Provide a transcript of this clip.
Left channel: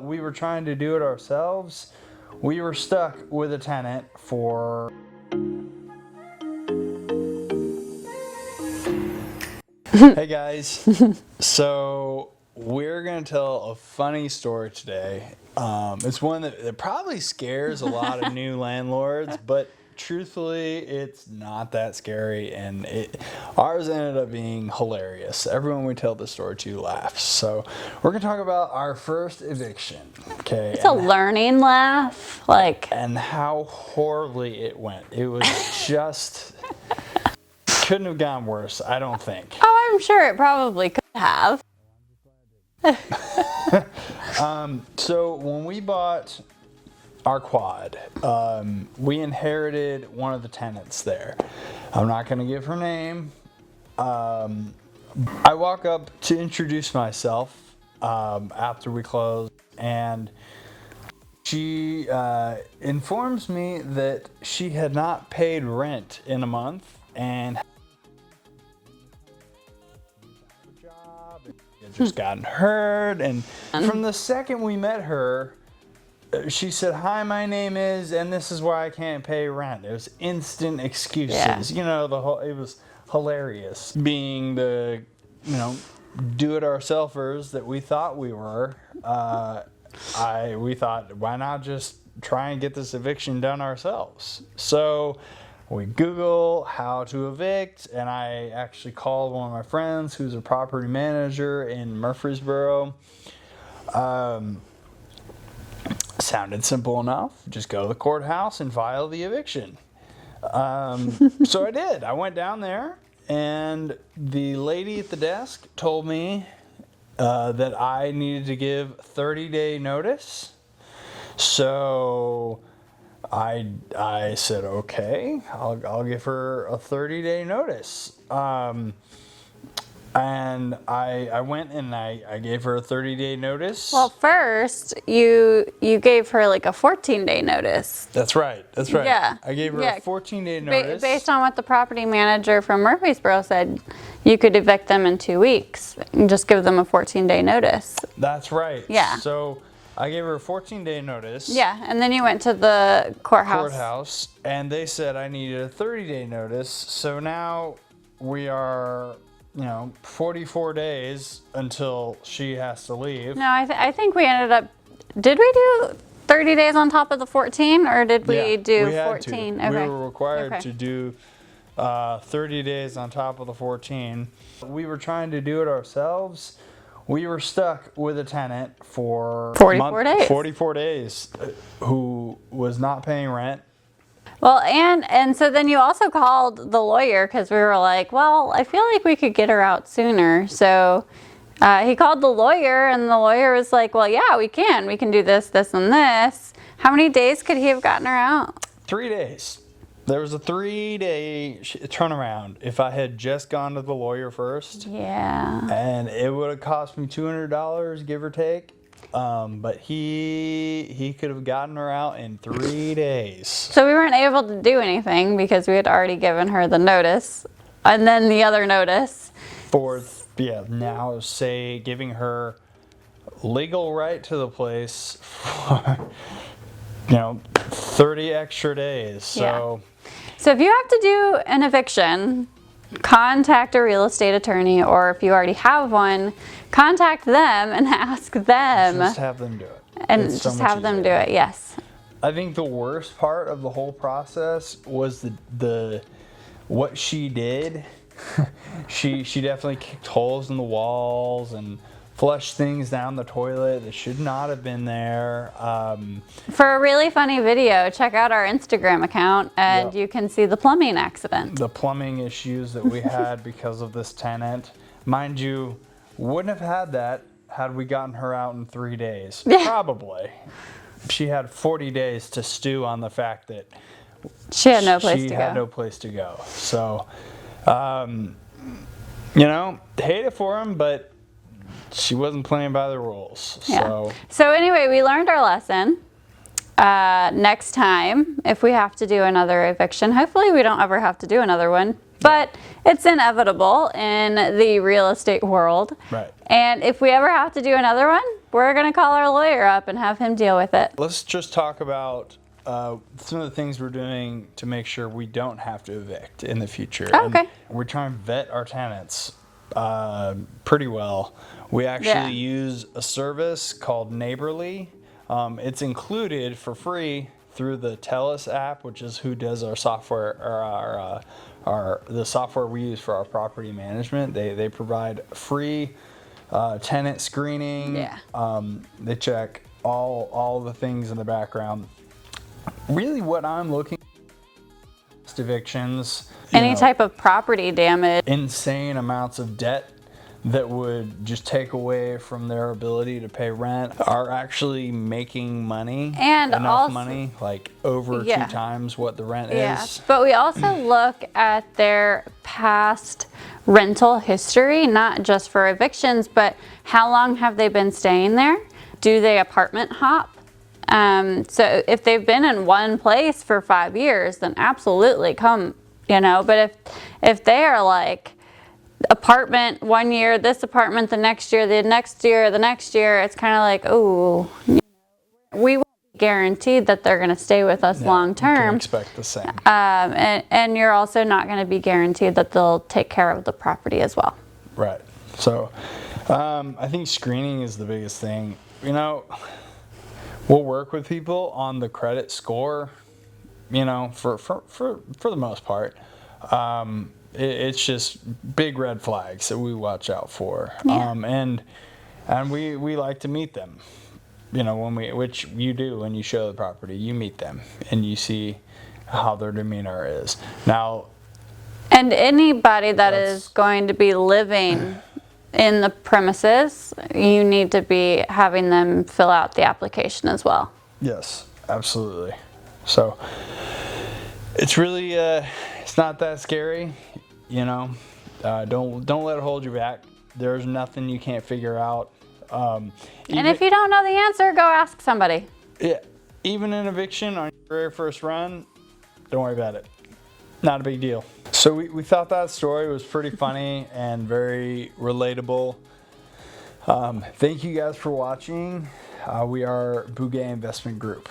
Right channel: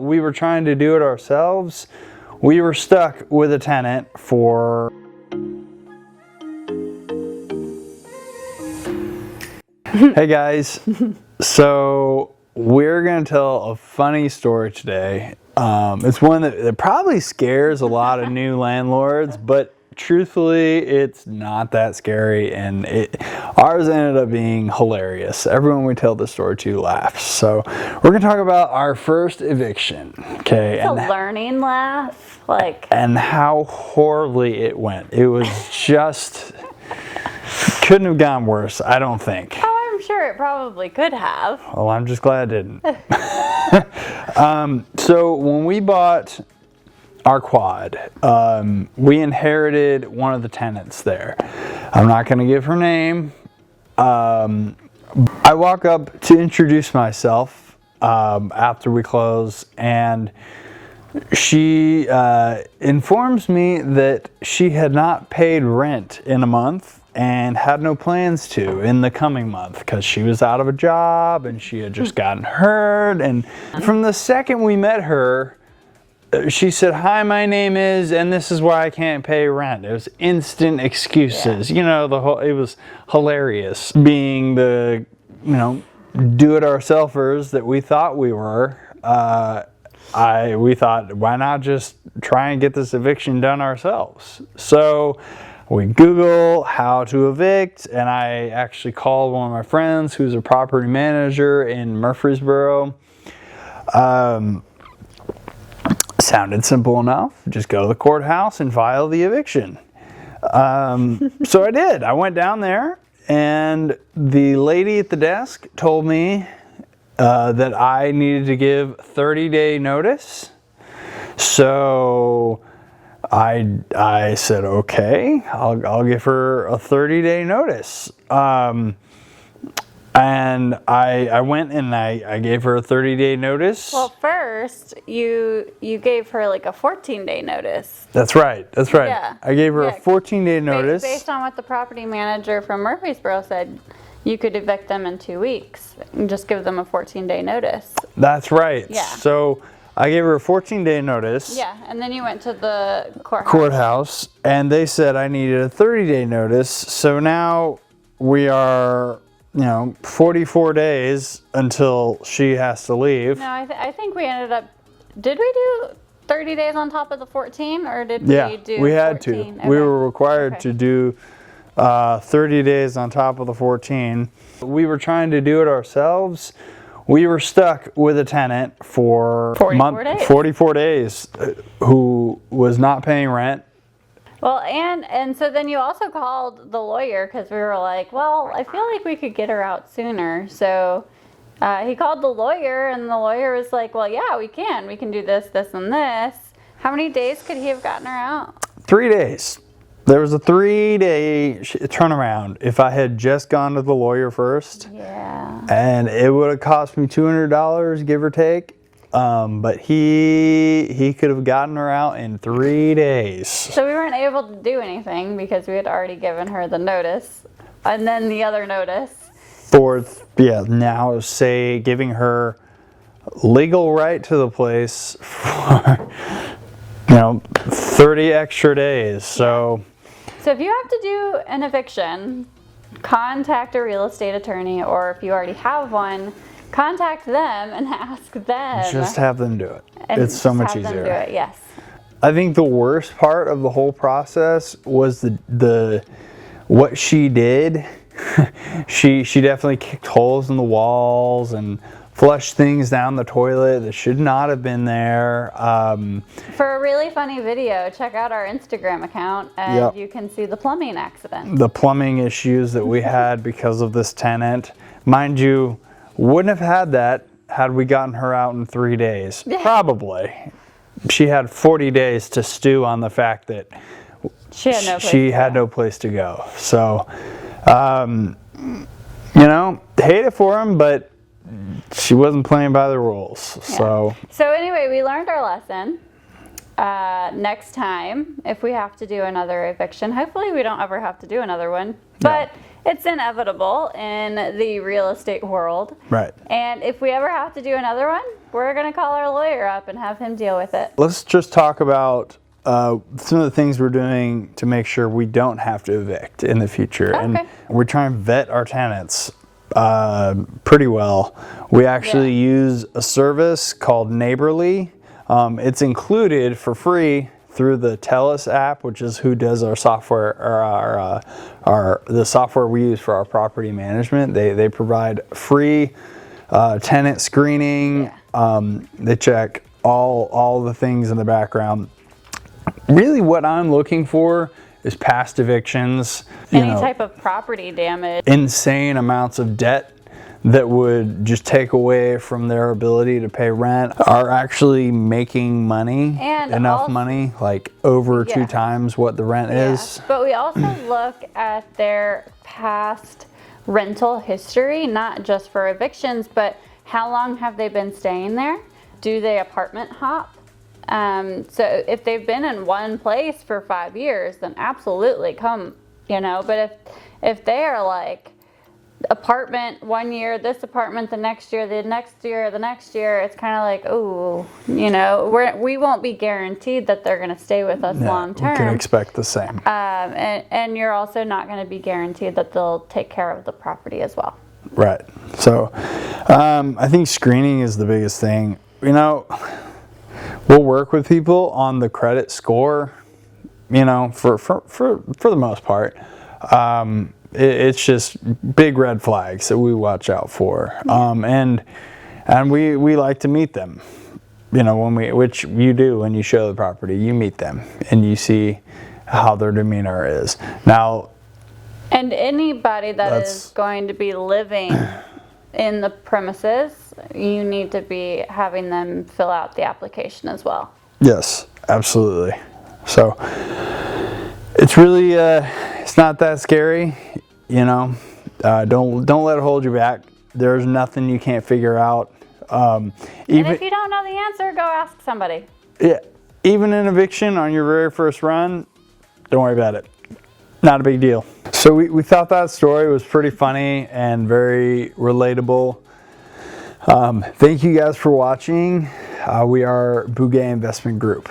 We were trying to do it ourselves. We were stuck with a tenant for Hey guys, so we're gonna tell a funny story today. It's one that probably scares a lot of new landlords, but truthfully, it's not that scary, and ours ended up being hilarious. Everyone we tell this story to laughs. So we're gonna talk about our first eviction. Okay, it's a learning laugh, and how horribly it went. It was just couldn't have gone worse, I don't think. Oh, I'm sure it probably could have. Well, I'm just glad it didn't. So when we bought our quad, we inherited one of the tenants there. I'm not going to give her name. I walk up to introduce myself after we close, and she informs me that she had not paid rent in a month and had no plans to in the coming month because she was out of a job and she had just gotten hurt. And from the second we met her, she said, "Hi, my name is, and this is why I can't pay rent." It was instant excuses. Yeah. You know, it was hilarious. Being the, do-it-ourselfers that we thought we were, we thought, why not just try and get this eviction done ourselves? So we Google how to evict, and I actually called one of my friends who's a property manager in Murfreesboro. Sounded simple enough. Just go to the courthouse and file the eviction. So I did. I went down there, and the lady at the desk told me that I needed to give 30-day notice. So I said, okay, I'll give her a 30-day notice. And I went and I gave her a 30-day notice. Well, first you gave her like a 14-day notice. That's right. Yeah. I gave her a 14-day notice. Based on what the property manager from Murfreesboro said, you could evict them in 2 weeks and just give them a 14-day notice. That's right. Yeah. So I gave her a 14-day notice. Yeah, and then you went to the courthouse, and they said I needed a 30-day notice. So now we are, 44 days until she has to leave. No, I think we ended up, did we do 30 days on top of the 14, or did we do 14? We had to. Okay. We were required to do 30 days on top of the 14. We were trying to do it ourselves. We were stuck with a tenant for 44 days who was not paying rent. Well, and so then you also called the lawyer because we were like, well, I feel like we could get her out sooner. So he called the lawyer, and the lawyer was like, well, yeah, we can do this, this, and this. How many days could he have gotten her out? 3 days. There was a 3-day turnaround if I had just gone to the lawyer first. Yeah. And it would have cost me $200, give or take. But he could have gotten her out in 3 days. So we weren't able to do anything because we had already given her the notice. And then the other notice. Now say giving her legal right to the place for 30 extra days. So if you have to do an eviction, contact a real estate attorney, or if you already have one, contact them and ask them. Just have them do it. And it's so much have easier. them do it, yes. I think the worst part of the whole process was the what she did. she definitely kicked holes in the walls and flushed things down the toilet that should not have been there. For a really funny video, check out our Instagram account, and you can see the plumbing accident. The plumbing issues that we had because of this tenant. Mind you, wouldn't have had that had we gotten her out in 3 days. Yeah. Probably. She had 40 days to stew on the fact that she had no place to go. So, hate it for him, but she wasn't playing by the rules. Yeah. So anyway, we learned our lesson. Next time, if we have to do another eviction, hopefully we don't ever have to do another one. But it's inevitable in the real estate world. Right. And if we ever have to do another one, we're going to call our lawyer up and have him deal with it. Let's just talk about some of the things we're doing to make sure we don't have to evict in the future. Okay. And we're trying to vet our tenants pretty well. We actually use a service called Neighborly. It's included for free through the TELUS app, which is who does our software, or the software we use for our property management. They provide free tenant screening. They check all the things in the background. Really, what I'm looking for is past evictions. Any type of property damage. Insane amounts of debt that would just take away from their ability to pay rent, are actually making money, and enough also, money, like over 2 times what the rent is. But we also look at their past rental history, not just for evictions, but how long have they been staying there? Do they apartment hop? So if they've been in one place for 5 years, then absolutely come, but if they are like apartment 1 year, this apartment the next year, the next year, it's kind of like, ooh, we won't be guaranteed that they're going to stay with us long term. You can expect the same. And you're also not going to be guaranteed that they'll take care of the property as well. Right. So I think screening is the biggest thing. We'll work with people on the credit score, for the most part. It's just big red flags that we watch out for. And we like to meet them, which you do when you show the property. You meet them and you see how their demeanor is. Now, and anybody that is going to be living in the premises, you need to be having them fill out the application as well. Yes, absolutely. So it's really it's not that scary, Don't let it hold you back. There's nothing you can't figure out. And if you don't know the answer, go ask somebody. Yeah, even an eviction on your very first run, don't worry about it. Not a big deal. So we thought that story was pretty funny and very relatable. Thank you guys for watching. We are Bouguet Investment Group.